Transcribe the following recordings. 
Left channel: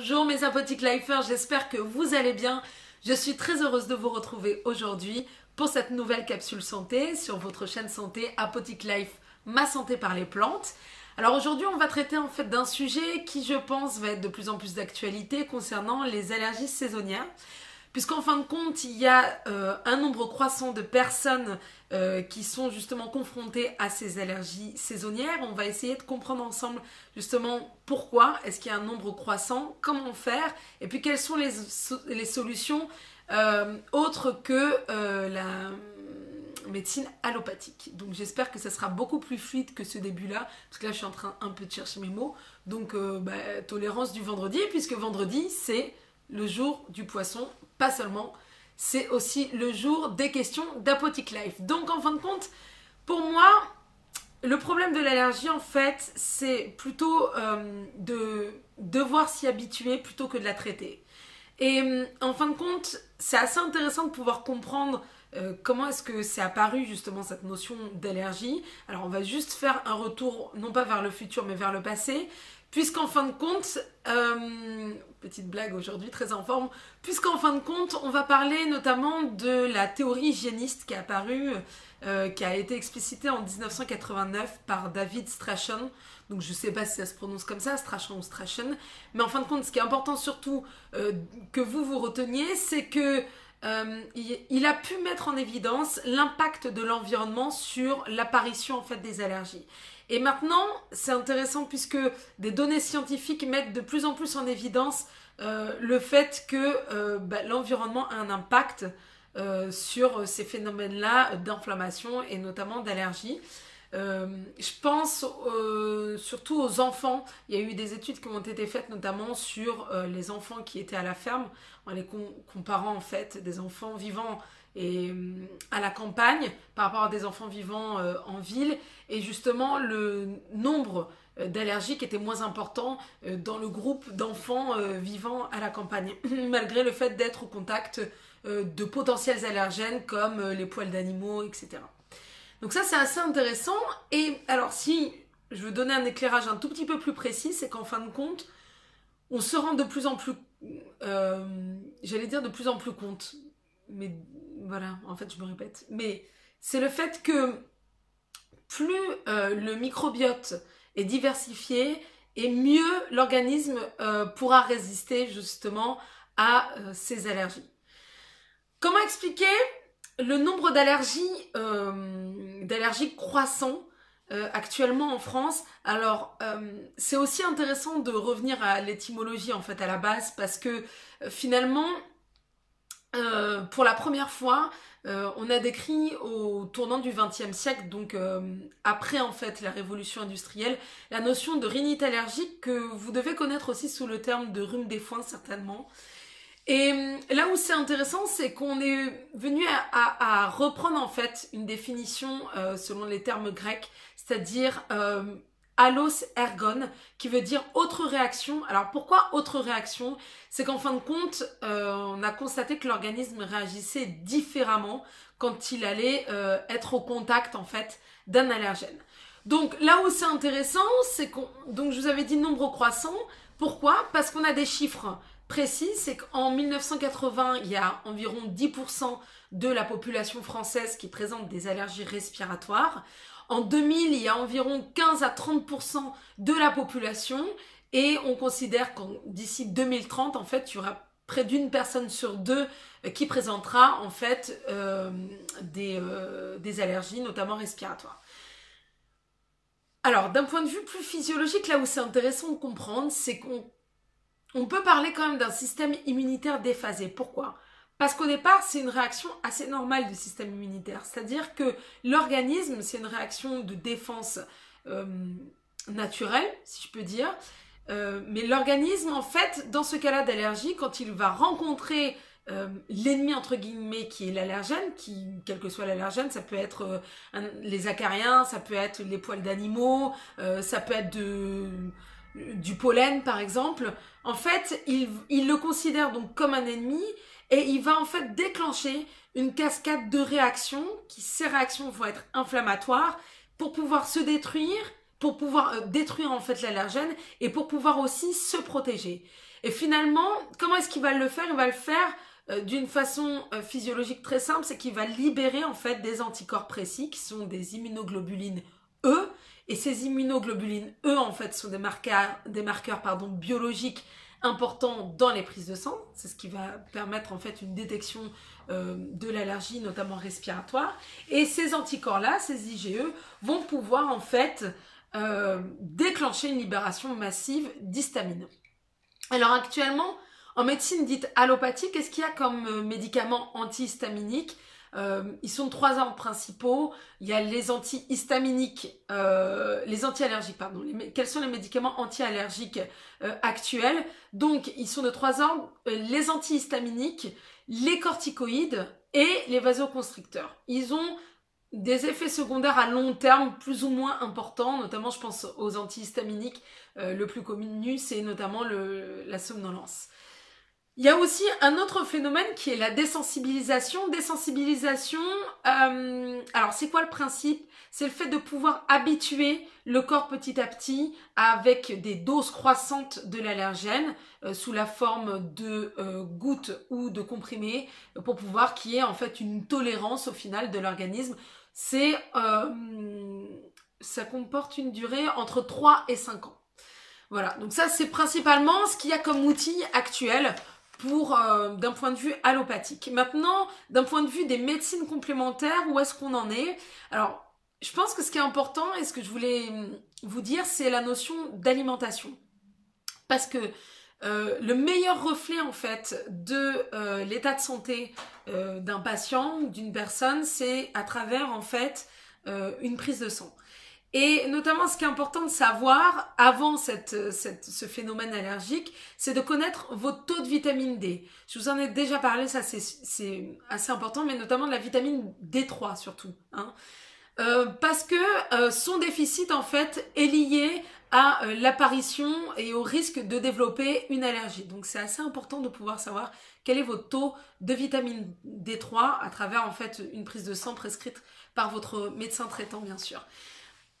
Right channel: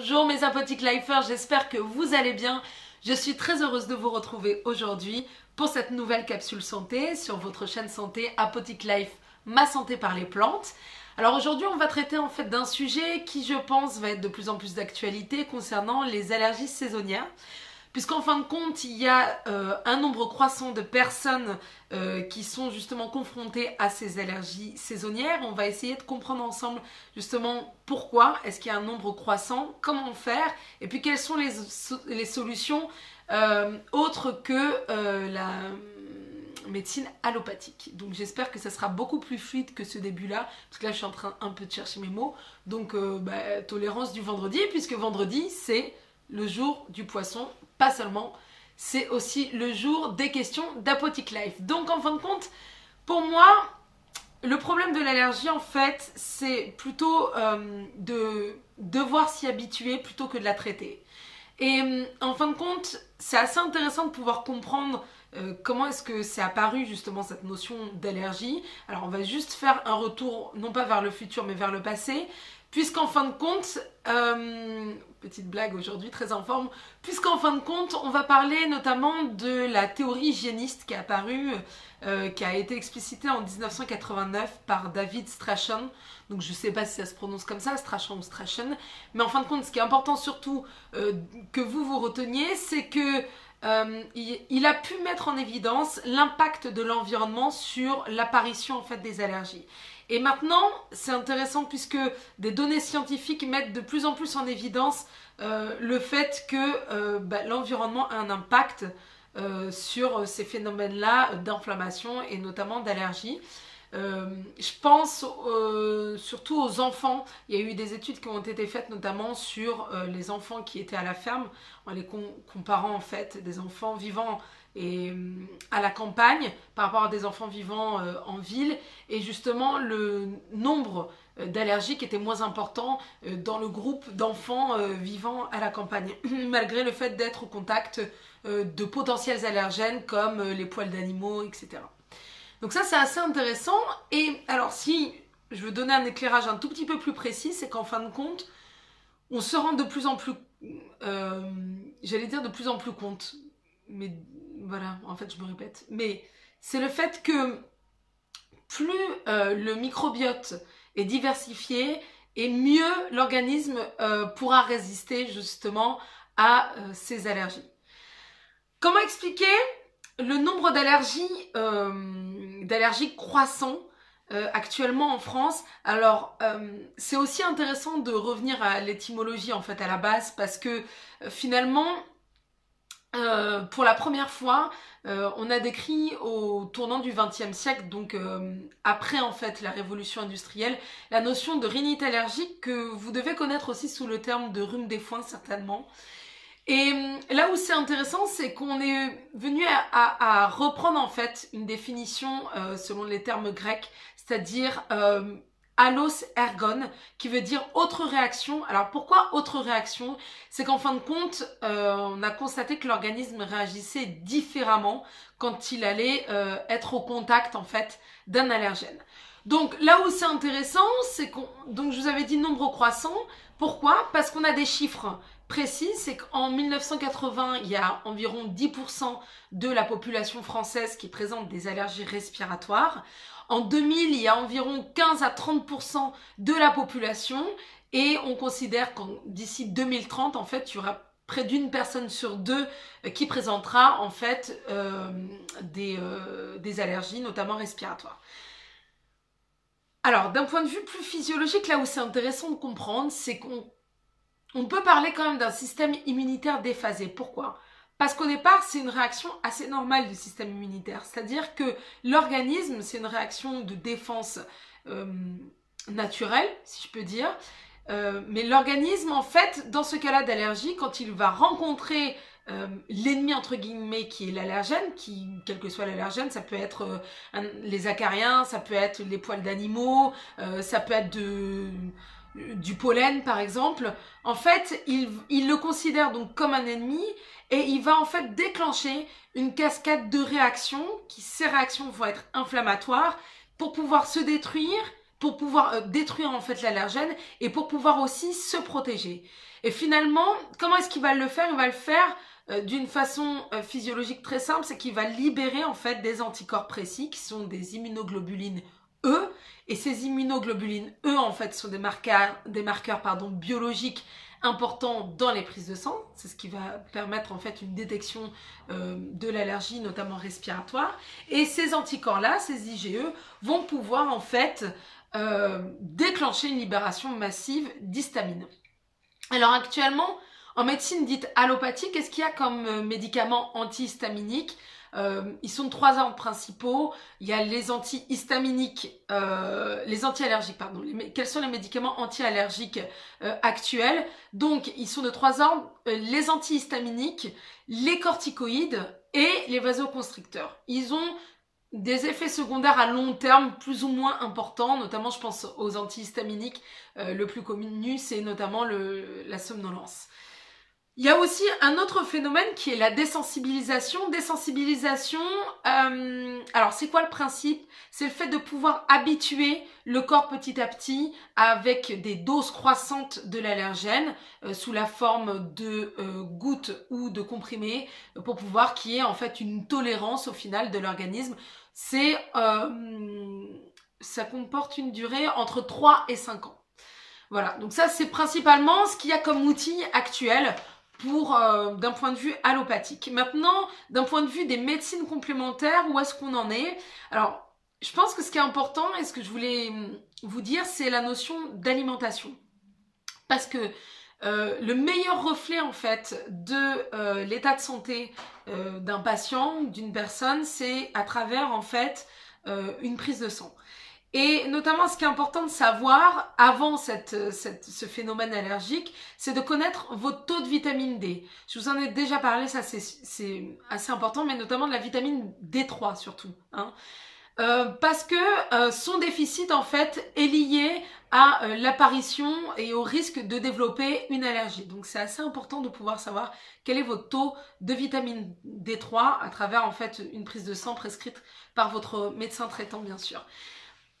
Bonjour mes Apothic Lifers, j'espère que vous allez bien. Je suis très heureuse de vous retrouver aujourd'hui pour cette nouvelle capsule santé sur votre chaîne santé Apothic Life, ma santé par les plantes. Alors aujourd'hui on va traiter en fait d'un sujet qui je pense va être de plus en plus d'actualité concernant les allergies saisonnières. Puisqu'en fin de compte, il y a un nombre croissant de personnes qui sont justement confrontées à ces allergies saisonnières. On va essayer de comprendre ensemble justement pourquoi est-ce qu'il y a un nombre croissant, comment faire, et puis quelles sont les solutions autres que la médecine allopathique. Donc j'espère que ça sera beaucoup plus fluide que ce début-là, parce que là je suis en train un peu de chercher mes mots. Donc tolérance du vendredi, puisque vendredi c'est le jour du poisson, pas seulement, c'est aussi le jour des questions d'Apothic Life. Donc en fin de compte, pour moi, le problème de l'allergie en fait, c'est plutôt de devoir s'y habituer plutôt que de la traiter. Et en fin de compte, c'est assez intéressant de pouvoir comprendre comment est-ce que c'est apparu justement cette notion d'allergie. Alors on va juste faire un retour, non pas vers le futur, mais vers le passé. Puisqu'en fin de compte, petite blague aujourd'hui, très en forme, puisqu'en fin de compte, on va parler notamment de la théorie hygiéniste qui est apparue, qui a été explicitée en 1989 par David Strachan. Donc je ne sais pas si ça se prononce comme ça, Strachan ou Strachan. Mais en fin de compte, ce qui est important surtout que vous reteniez, c'est que il a pu mettre en évidence l'impact de l'environnement sur l'apparition en fait des allergies. Et maintenant, c'est intéressant puisque des données scientifiques mettent de plus en plus en évidence le fait que l'environnement a un impact sur ces phénomènes-là d'inflammation et notamment d'allergie. Je pense surtout aux enfants. Il y a eu des études qui ont été faites notamment sur les enfants qui étaient à la ferme, en les comparant en fait des enfants vivant à la campagne par rapport à des enfants vivant en ville, et justement le nombre d'allergiques était moins important dans le groupe d'enfants vivant à la campagne, malgré le fait d'être au contact de potentiels allergènes comme les poils d'animaux, etc. Donc ça c'est assez intéressant. Et alors si je veux donner un éclairage un tout petit peu plus précis, c'est qu'en fin de compte, on se rend de plus en plus, j'allais dire de plus en plus compte, mais voilà, en fait je me répète, mais c'est le fait que plus le microbiote est diversifié et mieux l'organisme pourra résister justement à ces allergies. Comment expliquer le nombre d'allergies croissant actuellement en France? Alors c'est aussi intéressant de revenir à l'étymologie en fait à la base, parce que finalement pour la première fois on a décrit au tournant du XXe siècle, donc après en fait la révolution industrielle, la notion de rhinite allergique que vous devez connaître aussi sous le terme de rhume des foins certainement. Et là où c'est intéressant, c'est qu'on est venu à reprendre en fait une définition selon les termes grecs, c'est-à-dire allos ergon, qui veut dire autre réaction. Alors pourquoi autre réaction? C'est qu'en fin de compte, on a constaté que l'organisme réagissait différemment quand il allait être au contact en fait d'un allergène. Donc là où c'est intéressant, c'est donc je vous avais dit nombre croissant. Pourquoi? Parce qu'on a des chiffres précis, c'est qu'en 1980, il y a environ 10% de la population française qui présente des allergies respiratoires. En 2000, il y a environ 15 à 30% de la population, et on considère qu'en d'ici 2030, en fait, il y aura près d'une personne sur deux qui présentera en fait des allergies, notamment respiratoires. Alors, d'un point de vue plus physiologique, là où c'est intéressant de comprendre, c'est qu'on peut parler quand même d'un système immunitaire déphasé. Pourquoi ? Parce qu'au départ, c'est une réaction assez normale du système immunitaire. C'est-à-dire que l'organisme, c'est une réaction de défense naturelle, si je peux dire. Mais l'organisme, en fait, dans ce cas-là d'allergie, quand il va rencontrer l'ennemi, entre guillemets, qui est l'allergène, quel que soit l'allergène, ça peut être les acariens, ça peut être les poils d'animaux, ça peut être du pollen, par exemple. En fait, il le considère donc comme un ennemi, et il va en fait déclencher une cascade de réactions, ces réactions vont être inflammatoires pour pouvoir se détruire, pour pouvoir détruire en fait l'allergène et pour pouvoir aussi se protéger. Et finalement, comment est-ce qu'il va le faire? Il va le faire d'une façon physiologique très simple, c'est qu'il va libérer en fait des anticorps précis qui sont des immunoglobulines E. Et ces immunoglobulines E en fait sont des marqueurs biologiques importants dans les prises de sang. C'est ce qui va permettre en fait une détection de l'allergie, notamment respiratoire. Et ces anticorps-là, ces IgE, vont pouvoir en fait déclencher une libération massive d'histamine. Alors actuellement, en médecine dite allopathique, qu'est-ce qu'il y a comme médicaments antihistaminiques? Ils sont de 3 ordres principaux. Il y a les antihistaminiques, les anti-allergiques, pardon. Quels sont les médicaments anti-allergiques actuels? Donc, ils sont de 3 ordres, les antihistaminiques, les corticoïdes et les vasoconstricteurs. Ils ont des effets secondaires à long terme plus ou moins importants, notamment je pense aux antihistaminiques. Le plus connu, c'est notamment la somnolence. Il y a aussi un autre phénomène qui est la désensibilisation. Alors c'est quoi le principe? C'est le fait de pouvoir habituer le corps petit à petit avec des doses croissantes de l'allergène sous la forme de gouttes ou de comprimés pour pouvoir qu'il y ait en fait une tolérance au final de l'organisme. Ça comporte une durée entre 3 et 5 ans. Voilà, donc ça c'est principalement ce qu'il y a comme outil actuel d'un point de vue allopathique. Maintenant, d'un point de vue des médecines complémentaires, où est-ce qu'on en est? Alors, je pense que ce qui est important et ce que je voulais vous dire, c'est la notion d'alimentation. Parce que le meilleur reflet en fait de l'état de santé d'un patient, d'une personne, c'est à travers en fait une prise de sang. Et notamment, ce qui est important de savoir avant ce phénomène allergique, c'est de connaître votre taux de vitamine D. Je vous en ai déjà parlé, ça c'est assez important, mais notamment de la vitamine D3 surtout. Hein. Parce que son déficit en fait est lié à l'apparition et au risque de développer une allergie. Donc c'est assez important de pouvoir savoir quel est votre taux de vitamine D3 à travers en fait une prise de sang prescrite par votre médecin traitant bien sûr.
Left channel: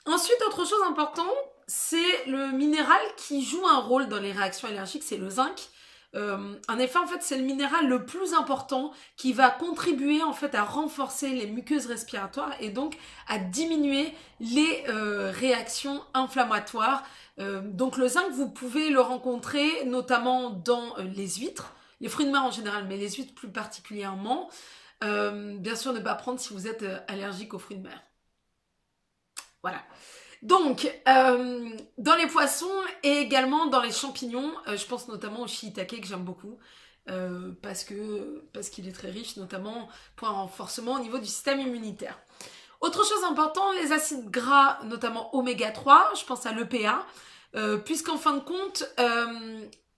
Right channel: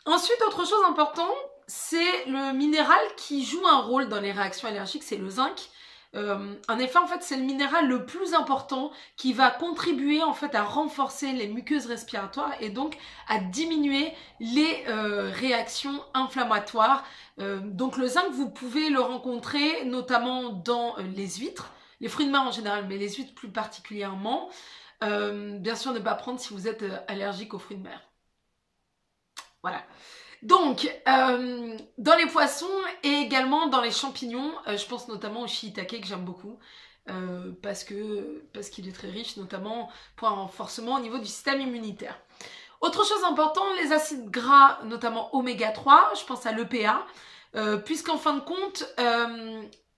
Ensuite, autre chose importante, c'est le minéral qui joue un rôle dans les réactions allergiques, c'est le zinc. En effet, en fait, c'est le minéral le plus important qui va contribuer en fait à renforcer les muqueuses respiratoires et donc à diminuer les réactions inflammatoires. Donc le zinc, vous pouvez le rencontrer notamment dans les huîtres, les fruits de mer en général, mais les huîtres plus particulièrement. Bien sûr, ne pas prendre si vous êtes allergique aux fruits de mer. Voilà. Donc, dans les poissons et également dans les champignons, je pense notamment au shiitake que j'aime beaucoup parce qu'il est très riche, notamment pour un renforcement au niveau du système immunitaire. Autre chose importante, les acides gras, notamment oméga 3, je pense à l'EPA, puisqu'en fin de compte,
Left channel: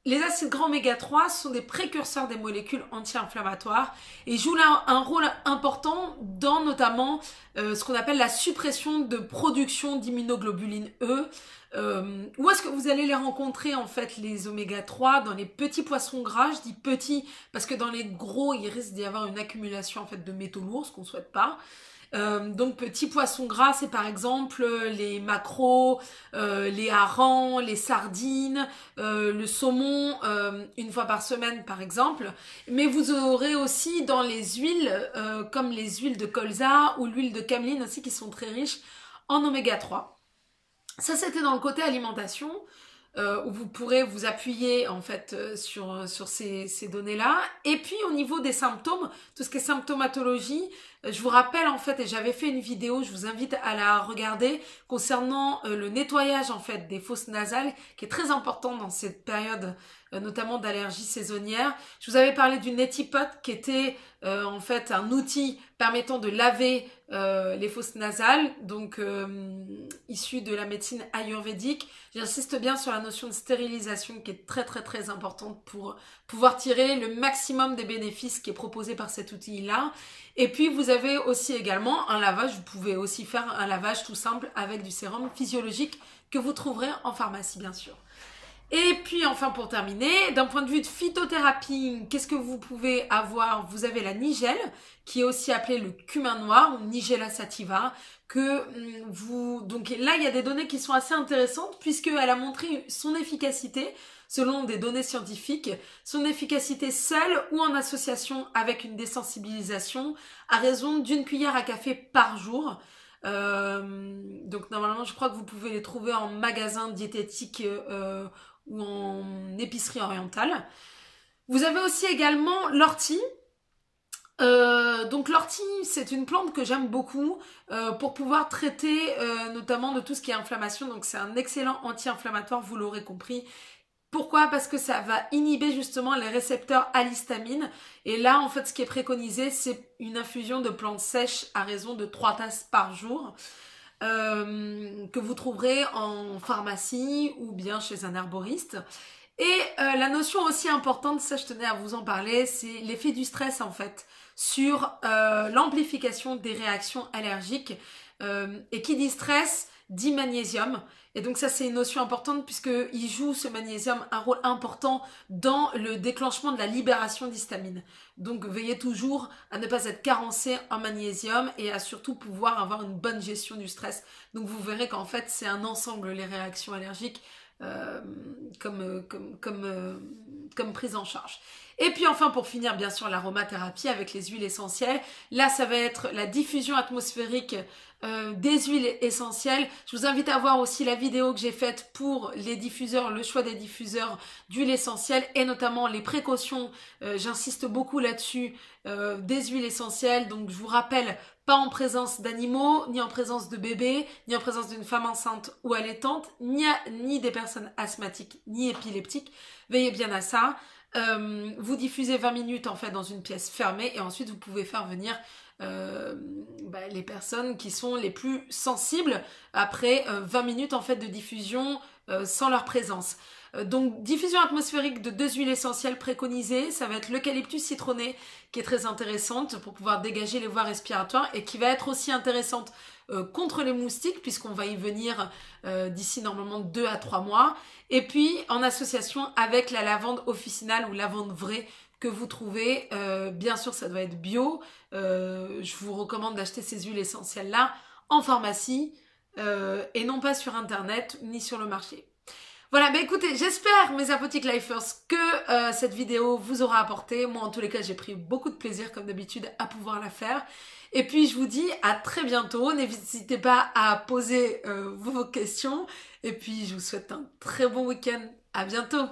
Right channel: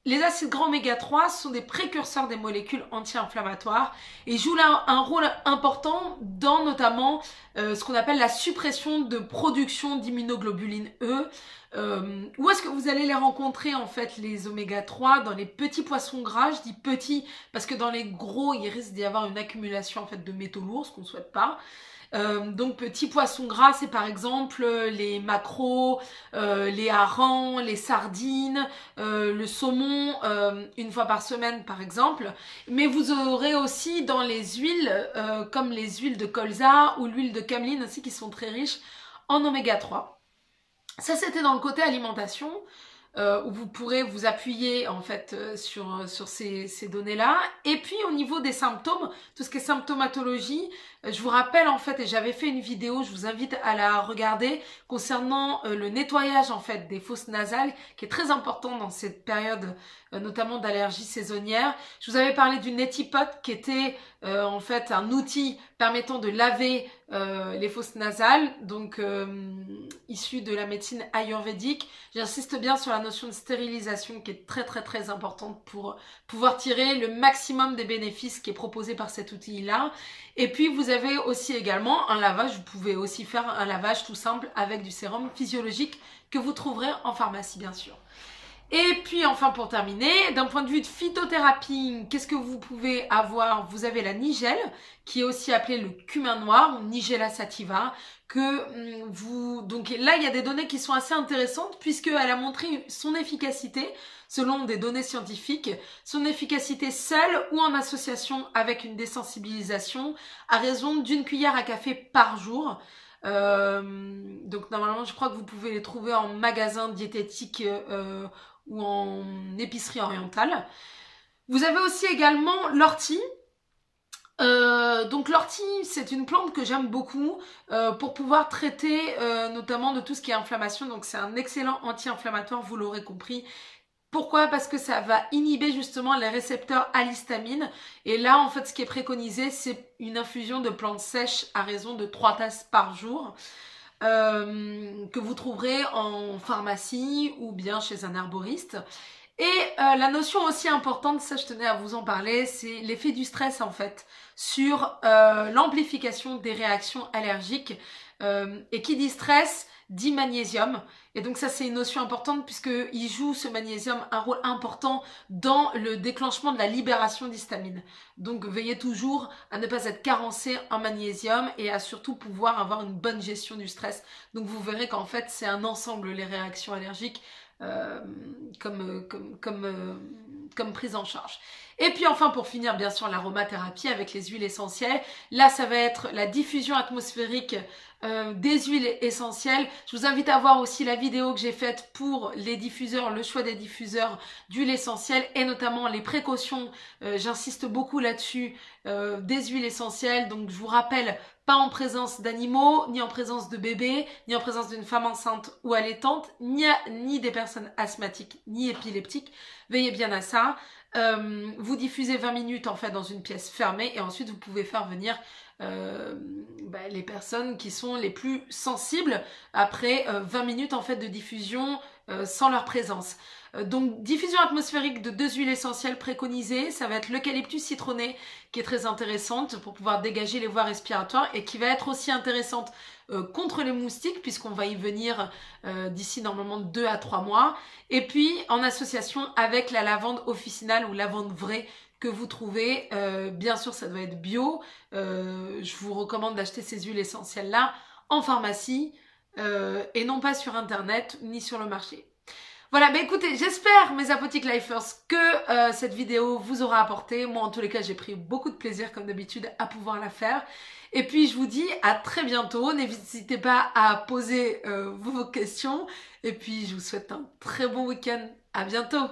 les acides gras oméga 3 sont des précurseurs des molécules anti-inflammatoires et jouent là un rôle important dans notamment ce qu'on appelle la suppression de production d'immunoglobulines E. Où est-ce que vous allez les rencontrer en fait les oméga 3? Dans les petits poissons gras, je dis petits parce que dans les gros il risque d'y avoir une accumulation en fait de métaux lourds, ce qu'on ne souhaite pas. Donc petits poissons gras, c'est par exemple les maquereaux, les harengs, les sardines, le saumon une fois par semaine par exemple. Mais vous aurez aussi dans les huiles comme les huiles de colza ou l'huile de cameline aussi qui sont très riches en oméga 3. Ça c'était dans le côté alimentation. Où vous pourrez vous appuyer en fait sur ces données-là. Et puis au niveau des symptômes, tout ce qui est symptomatologie, je vous rappelle en fait, et j'avais fait une vidéo, je vous invite à la regarder, concernant le nettoyage en fait des fosses nasales, qui est très important dans cette période, notamment d'allergie saisonnière. Je vous avais parlé du Neti-Pot qui était en fait un outil permettant de laver les fosses nasales, donc issu de la médecine ayurvédique. J'insiste bien sur la notion de stérilisation qui est très très très importante pour pouvoir tirer le maximum des bénéfices qui est proposé par cet outil-là. Et puis vous avez aussi également un lavage, vous pouvez aussi faire un lavage tout simple avec du sérum physiologique que vous trouverez en pharmacie bien sûr. Et puis enfin pour terminer, d'un point de vue de phytothérapie, qu'est-ce que vous pouvez avoir? Vous avez la nigelle, qui est aussi appelée le cumin noir ou Nigella sativa, donc là il y a des données qui sont assez intéressantes puisqu'elle a montré son efficacité selon des données scientifiques, son efficacité seule ou en association avec une désensibilisation à raison d'1 cuillère à café par jour. Donc normalement je crois que vous pouvez les trouver en magasin diététique ou en épicerie orientale. Vous avez aussi également l'ortie. Donc l'ortie, c'est une plante que j'aime beaucoup pour pouvoir traiter notamment de tout ce qui est inflammation. Donc c'est un excellent anti-inflammatoire, vous l'aurez compris. Pourquoi? Parce que ça va inhiber justement les récepteurs à l'histamine. Et là, en fait, ce qui est préconisé, c'est une infusion de plantes sèches à raison de 3 tasses par jour. Que vous trouverez en pharmacie ou bien chez un herboriste. Et la notion aussi importante, ça je tenais à vous en parler, c'est l'effet du stress en fait sur l'amplification des réactions allergiques. Et qui dit stress dit magnésium. Et donc ça c'est une notion importante puisqu'il joue ce magnésium un rôle important dans le déclenchement de la libération d'histamine. Donc veillez toujours à ne pas être carencé en magnésium et à surtout pouvoir avoir une bonne gestion du stress. Donc vous verrez qu'en fait c'est un ensemble les réactions allergiques comme prise en charge. Et puis enfin pour finir bien sûr l'aromathérapie avec les huiles essentielles. Là ça va être la diffusion atmosphérique des huiles essentielles. Je vous invite à voir aussi la vidéo que j'ai faite pour les diffuseurs, le choix des diffuseurs d'huiles essentielles et notamment les précautions, j'insiste beaucoup là-dessus, des huiles essentielles. Donc je vous rappelle, pas en présence d'animaux, ni en présence de bébés, ni en présence d'une femme enceinte ou allaitante, ni des personnes asthmatiques, ni épileptiques. Veillez bien à ça. Vous diffusez 20 minutes en fait dans une pièce fermée et ensuite vous pouvez faire venir les personnes qui sont les plus sensibles après 20 minutes en fait de diffusion sans leur présence. Donc diffusion atmosphérique de 2 huiles essentielles préconisées, ça va être l'eucalyptus citronné qui est très intéressante pour pouvoir dégager les voies respiratoires et qui va être aussi intéressante contre les moustiques puisqu'on va y venir d'ici normalement 2 à 3 mois et puis en association avec la lavande officinale ou lavande vraie que vous trouvez, bien sûr ça doit être bio, je vous recommande d'acheter ces huiles essentielles là en pharmacie et non pas sur internet ni sur le marché. Voilà, bah écoutez, j'espère mes Apothic Lifers que cette vidéo vous aura apporté. Moi en tous les cas j'ai pris beaucoup de plaisir comme d'habitude à pouvoir la faire. Et puis je vous dis à très bientôt, n'hésitez pas à poser vos questions. Et puis je vous souhaite un très bon week-end, à bientôt.